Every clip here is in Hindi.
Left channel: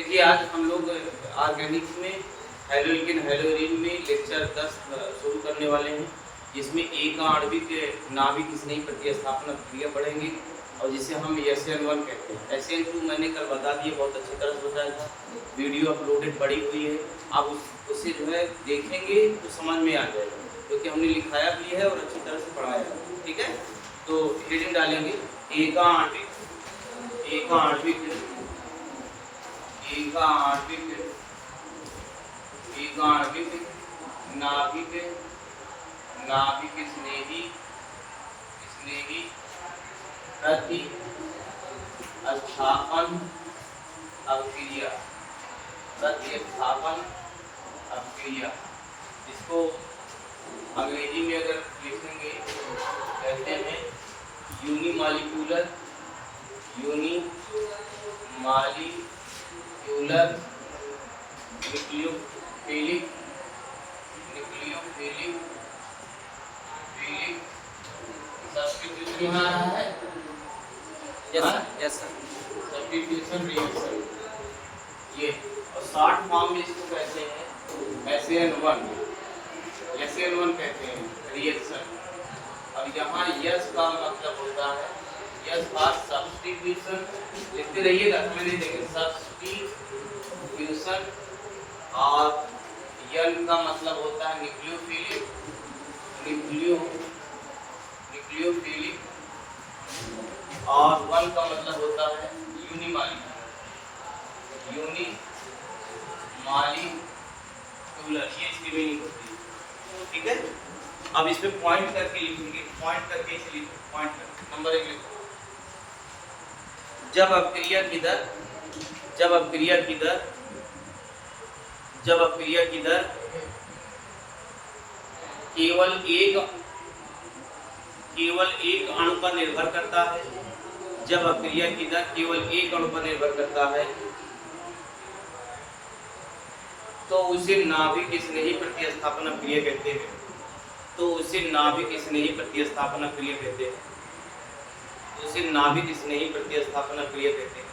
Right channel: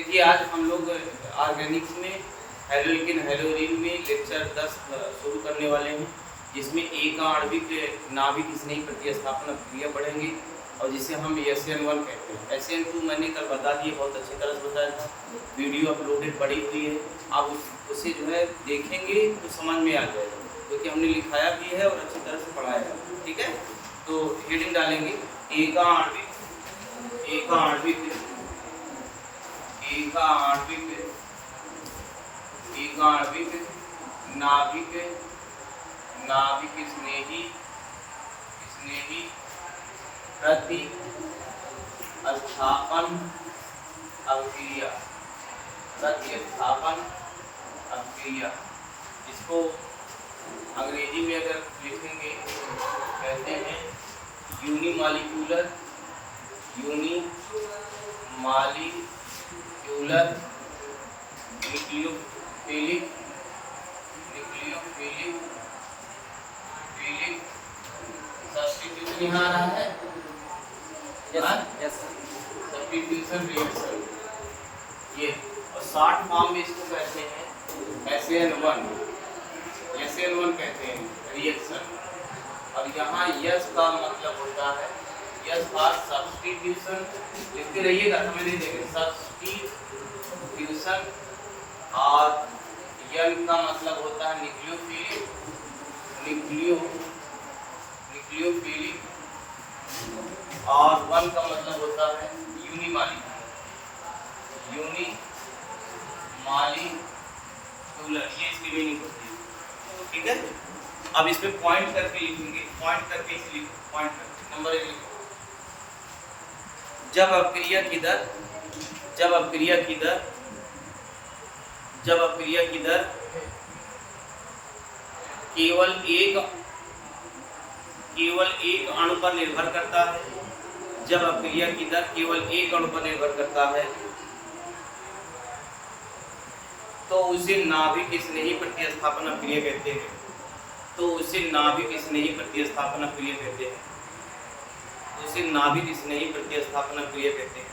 देखिए आज हम लोग ऑर्गेनिक्स में हेलोइकिन हेलोरिन में लेक्चर 10 शुरू करने वाले हैं, जिसमें एक आणविक नाभिक स्नेही प्रतिस्थापन क्रिया पढ़ेंगे और जिसे हम SN1 कहते हैं। SN2 मैंने कल बता दिए, बहुत अच्छी तरह से बताया था, वीडियो अपलोडेड पड़ी हुई है। आप उसे जो है देखेंगे तो समझ में आ जाएगा, क्योंकि हमने लिखाया भी है और अच्छी तरह से पढ़ाया है। ठीक है, तो हेडिंग डालेंगे एकाण्विक नाभिक स्नेही प्रतिस्थापन अभिक्रिया, इसको अंग्रेजी में अगर लिखेंगे कहते हैं यूनिमालिक्यूलर न्यूक्लियोफिलिक सब्स्टिट्यूशन यहाँ आ रहा है। यस सब्स्टिट्यूशन रिएक्शन, ये और शॉर्ट फॉर्म में इसको कहते हैं SN1 कहते हैं रिएक्शन। और यहाँ यस का मतलब होता है, यस का सब्स्टिट्यूशन, लिखते रहिएगा समझ लीजिएगा, सब्स्टिट्यूशन। और यन का मतलब होता है न्यूक्लियोफिलिक और वन का मतलब होता है यूनिमालिक्यूलर। ये इसकी मीनिंग होती है। ठीक है, अब इसमें पॉइंट करके लिखेंगे, पॉइंट करके नंबर 1 लिखो। जब अपक्रिया की दर केवल एक अणु पर निर्भर करता है, जब अपक्रिया की दर केवल एक अणु पर निर्भर करता है तो उसे नाभिक स्नेही प्रतिस्थापन अभिक्रिया कहते हैं। उसे नाभिक स्नेही प्रतिस्थापन अभिक्रिया कहते हैं।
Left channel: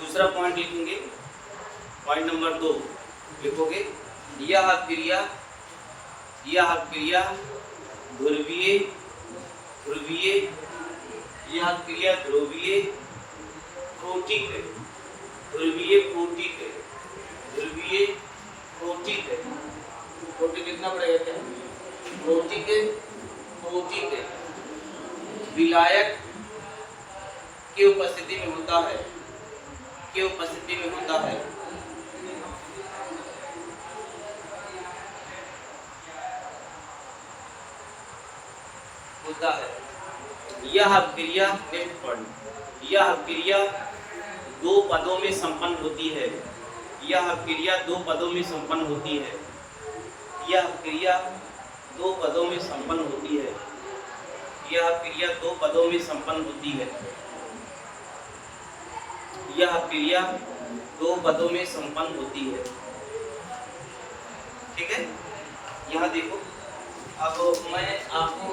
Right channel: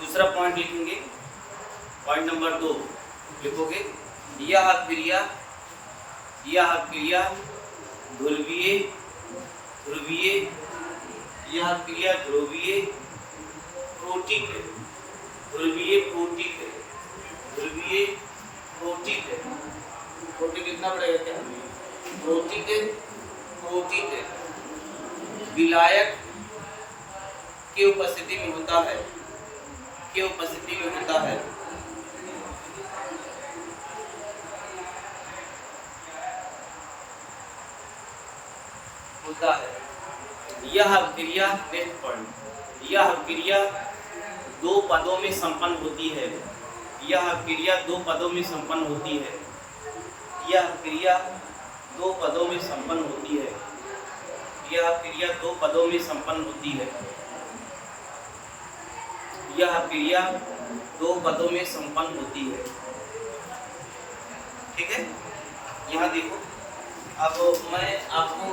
दूसरा पॉइंट लिखेंगे, पॉइंट नंबर 2 लिखोगे, यह अभिक्रिया ध्रुवीय प्रोटीक कितना पड़ेगा, प्रोटीक विलायक की उपस्थिति में होता है, यह अभिक्रिया, नेक्स्ट पॉइंट, यह अभिक्रिया दो पदों में संपन्न होती है। यह अभिक्रिया दो पदों में संपन्न होती है। यह अभिक्रिया दो पदों में संपन्न होती है। यह अभिक्रिया दो पदों में संपन्न होती है। यह अभिक्रिया दो पदों में संपन्न होती है। ठीक है, यहाँ देखो, अब मैं आपको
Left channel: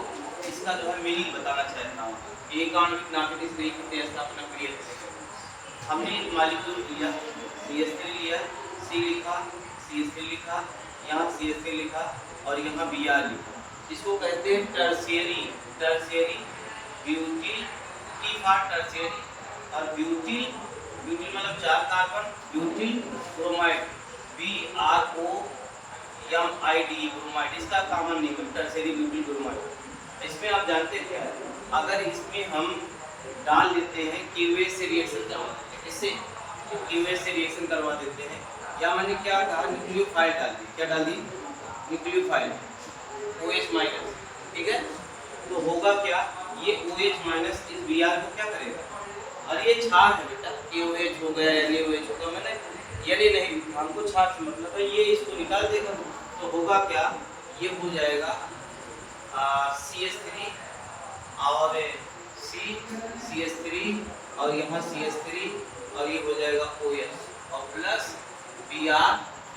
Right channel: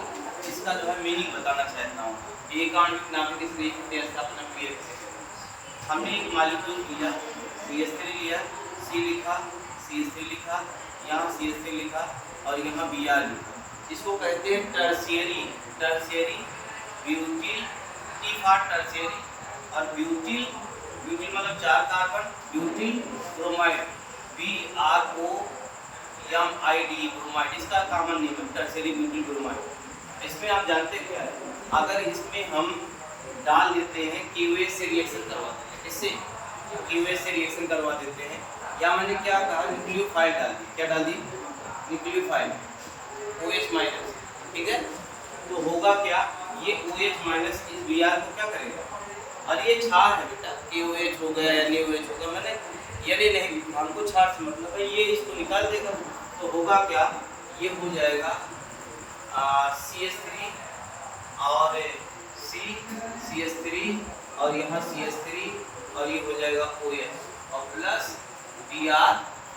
इसका जो है मीनिंग बताना चाहता हूँ। एक आणविक नाभिक स्नेही प्रतिस्थापन क्रिया, हमने एक मॉलिक्यूल लिया, CH3 लिया, C लिखा, CH3 लिखा, यहाँ CH3 लिखा और यहाँ Br लिखा। इसको कहते हैं tertiary butyl, T for tertiary, और ब्यूटिल मतलब 4 carbon, butyl bromide, BROMID bromide, इसका कॉमन नेम है टर्शियरी ब्यूटिल ब्रोमाइड। इसमें आप जानते हैं क्या है, अगर इसमें हम डाल देते हैं QH से रिएक्शन करवा देते हैं, इससे QH से रिएक्शन करवा देते हैं, या मैंने क्या कहा, न्यूक्लियोफाइल डाल दी, क्या डाल दी, न्यूक्लियोफाइल OH माइनस। ठीक है, तो होगा क्या, ये OH माइनस इस Br को क्या करेगा, और ये क्षार है बेटा, KOH हो गया, NaOH हो गया, मैंने यानी नहीं, हमको क्षार से मतलब है, ये इसको निकाल देगा। तो होगा क्या, ये हो जाएगा CH3 और CH3 और यहाँ CH3 और ये हो जाएगा OH और प्लस Br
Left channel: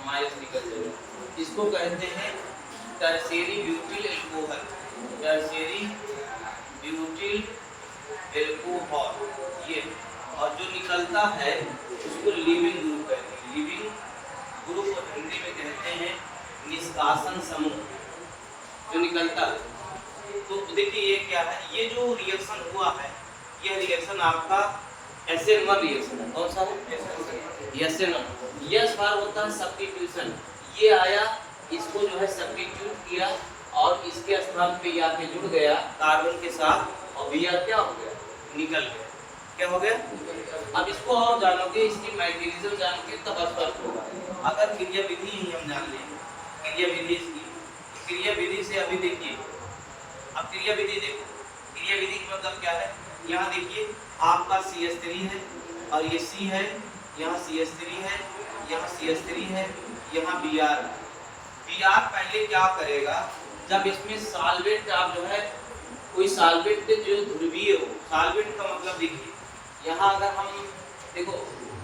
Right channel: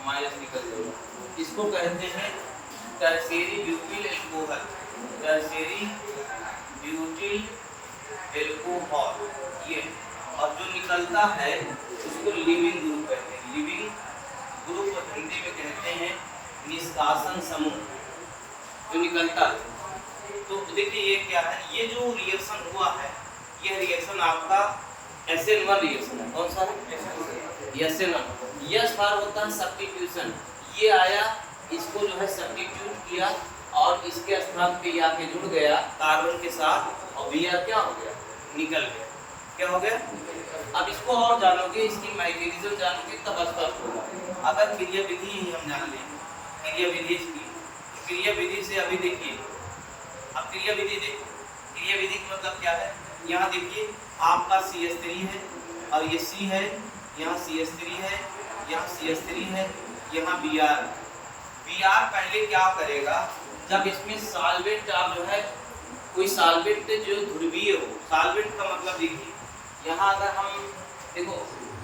माइनस निकल जाएगा। इसको कहते हैं tertiary butyl alcohol, tertiary butyl alcohol ये, और जो निकलता है उसको लिविंग ग्रुप कहते हैं। लिविंग ग्रुप और हिंदी में कहते हैं निष्कासन समूह, जो निकलता है। तो देखिए ये क्या है, ये जो रिएक्शन हुआ है, यह रिएक्शन आपका SN1 रिएक्शन है। कौन सा है? SN1। यस बार होता है सब्स्टिट्यूशन, ये आया, इसको जो है सब्स्टिट्यूट किया और इसके स्थान पे ये आके जुड़ गया कार्बन के साथ, और Br क्या हो गया? निकल गया। क्या हो गया? अब इसको और जानोगे, इसकी मैकेनिज्म जानोगे तब स्पष्ट होगा। अगर क्रिया विधि ही हम जान लें, क्रिया विधि की, क्रिया विधि से अभी देखिए, अब क्रिया विधि देखो, क्रिया विधि का मतलब क्या है? यहाँ देखिए आपका CH3 है और ये C है, यहाँ CH3 है, यहाँ CH3 है, यहाँ Br। Br पहले क्या करेगा, जब इसमें सॉल्वेंट आप जो है कोई सॉल्वेंट जो ध्रुवीय हो, सॉल्वेंट का मतलब देखिए यहाँ अगर हम देखो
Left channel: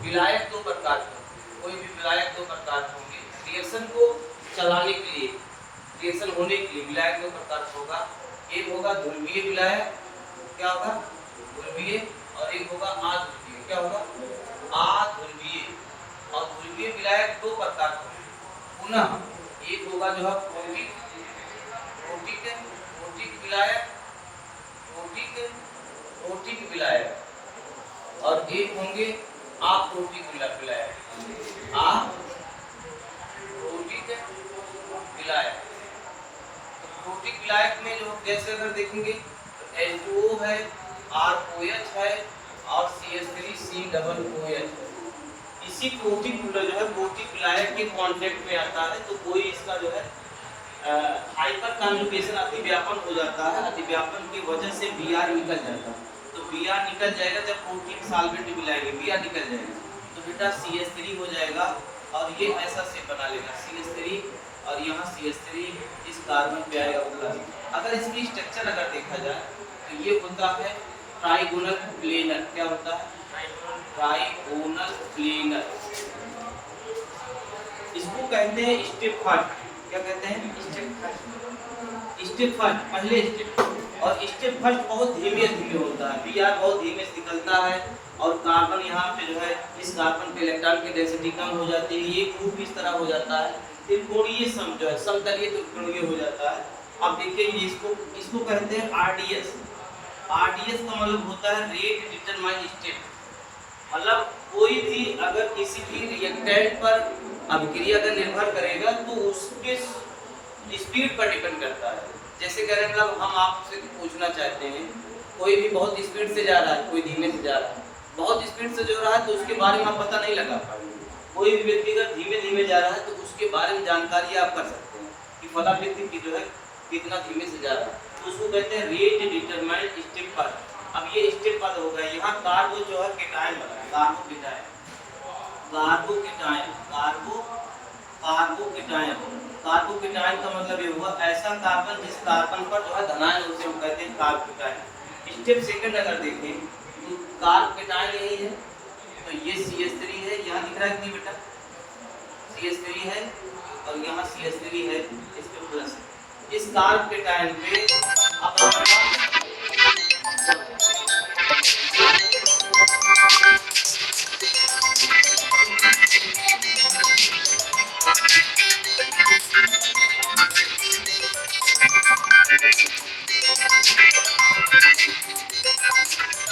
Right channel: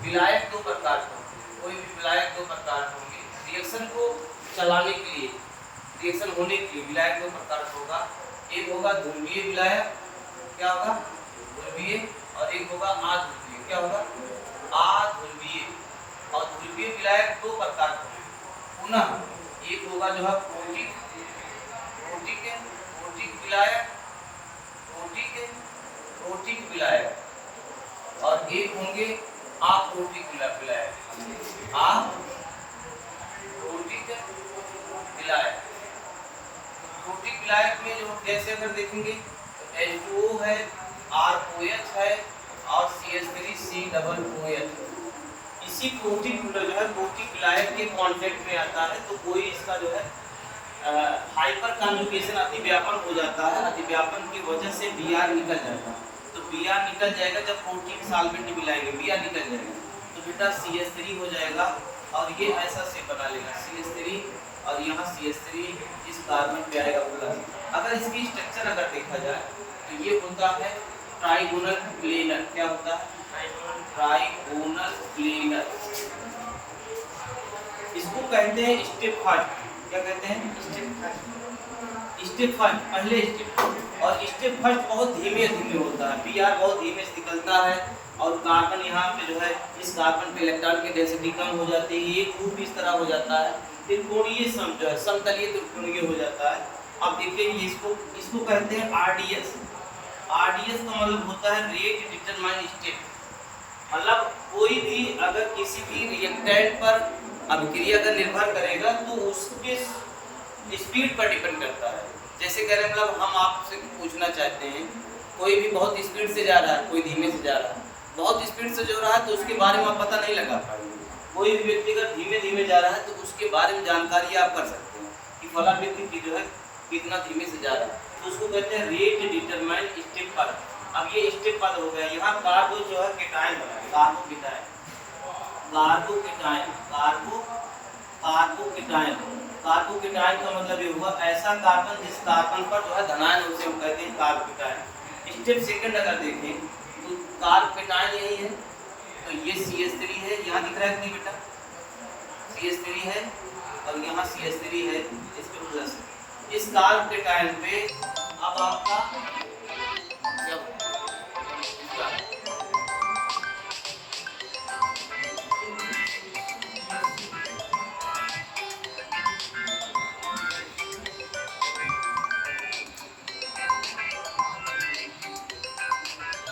विलायक दो प्रकार के, कोई भी विलायक दो प्रकार के होंगे, रिएक्शन को चलाने के लिए, रिएक्शन होने के लिए विलायक दो प्रकार का होगा। एक होगा ध्रुवीय विलायक, क्या होगा? ध्रुवीय, और एक होगा अध्रुवीय, क्या होगा? अध्रुवीय। और ध्रुवीय विलायक दो प्रकार के होंगे। पुनः एक होगा जो है प्रोटिक, प्रोटिक है, प्रोटिक विलायक, प्रोटिक है, प्रोटिक विलायक, और एक होंगे अप्रोटिक विलायक, अप्रोटिक विलायक। प्रोटिक विलायक में जो कैसे अगर देखेंगे तो H2O है, ROH है और CH3COOH। इसी प्रोटिक जो है प्रोटिक विलायक के कांटेक्ट में आता है, तो कोई इसका जो है हाइपर कॉन्जुगेशन अतिव्यापन हो जाता है, अतिव्यापन की वजह से Br निकल जाएगा। तो Br निकल जाएगा, जब प्रोटीन सॉल्वेंट मिलाएंगे Br निकल जाएगा, तो बेटा CH3 हो जाएगा, और ये ऐसा से बना लेगा CH3, और यहाँ CH3 इस कार्बन पे आएगा प्लस। अगर इसकी स्ट्रक्चर अगर देखा जाए तो ये होता है ट्राइगोनल प्लेनर। क्या होता है? Trigonal planar. इसको कहते हैं स्टेप फर्स्ट। क्या कहते हैं? Step first. स्टेप फर्स्ट, पहले स्टेप, और स्टेप फर्स्ट बहुत धीमे धीमे होता है। Br बहुत धीमे से निकलता है, और कार्बन यहाँ पे जो है इस कार्बन पे इलेक्ट्रॉन की डेंसिटी कम हो जाती है, ये ग्रुप इस तरह हो जाता है, त्रिकोणीय जो है समतलीय त्रिकोणीय हो जाता है। अब देखिए इसको कहते हैं RDS। RDS का मतलब होता है रेट डिटरमाइन स्टेप, मतलब कोई भी अगर किसी भी रिएक्टेंट पर अभिक्रिया अगर निर्भर करेगा तो उसके स्पीड पर डिपेंड करता है। जैसे करें मतलब हम आपसे पूछना चाहते हैं, कोई भी बहुत स्पीड से जा रहा है, कोई धीमे से जा रहा है, बहुत स्पीड से जो रहा है तो उसके बारे में आप पता नहीं लगा पाएंगे। कोई भी व्यक्ति अगर धीमे धीमे जा रहा है तो उसके बारे में जानकारी आप कर सकते हैं कि फला व्यक्ति की जो है कितना धीमे से जा रहा है, तो उसको कहते हैं रेट डिटरमाइन स्टेप पद। अब ये स्टेप पद हो गया। यहाँ कार्बो जो है केटायन बना है, कार्बोकेटायन, कार्बोकेटायन, कार्बोकेटायन। कार्बोकेटायन का मतलब ये हुआ ऐसा कार्बन जिस कार्बन पर जो है धनायन, उसे हम कहते हैं कार्बोकेटायन। स्टेप सेकंड अगर देखें तो कार्बोकेटायन यही है, तो ये CH3 है, यहाँ दिख रहा है कि बेटा CH3 है, और यहाँ CH3 है, इस पे प्लस। इस कार्बोकेटायन पे अब आपका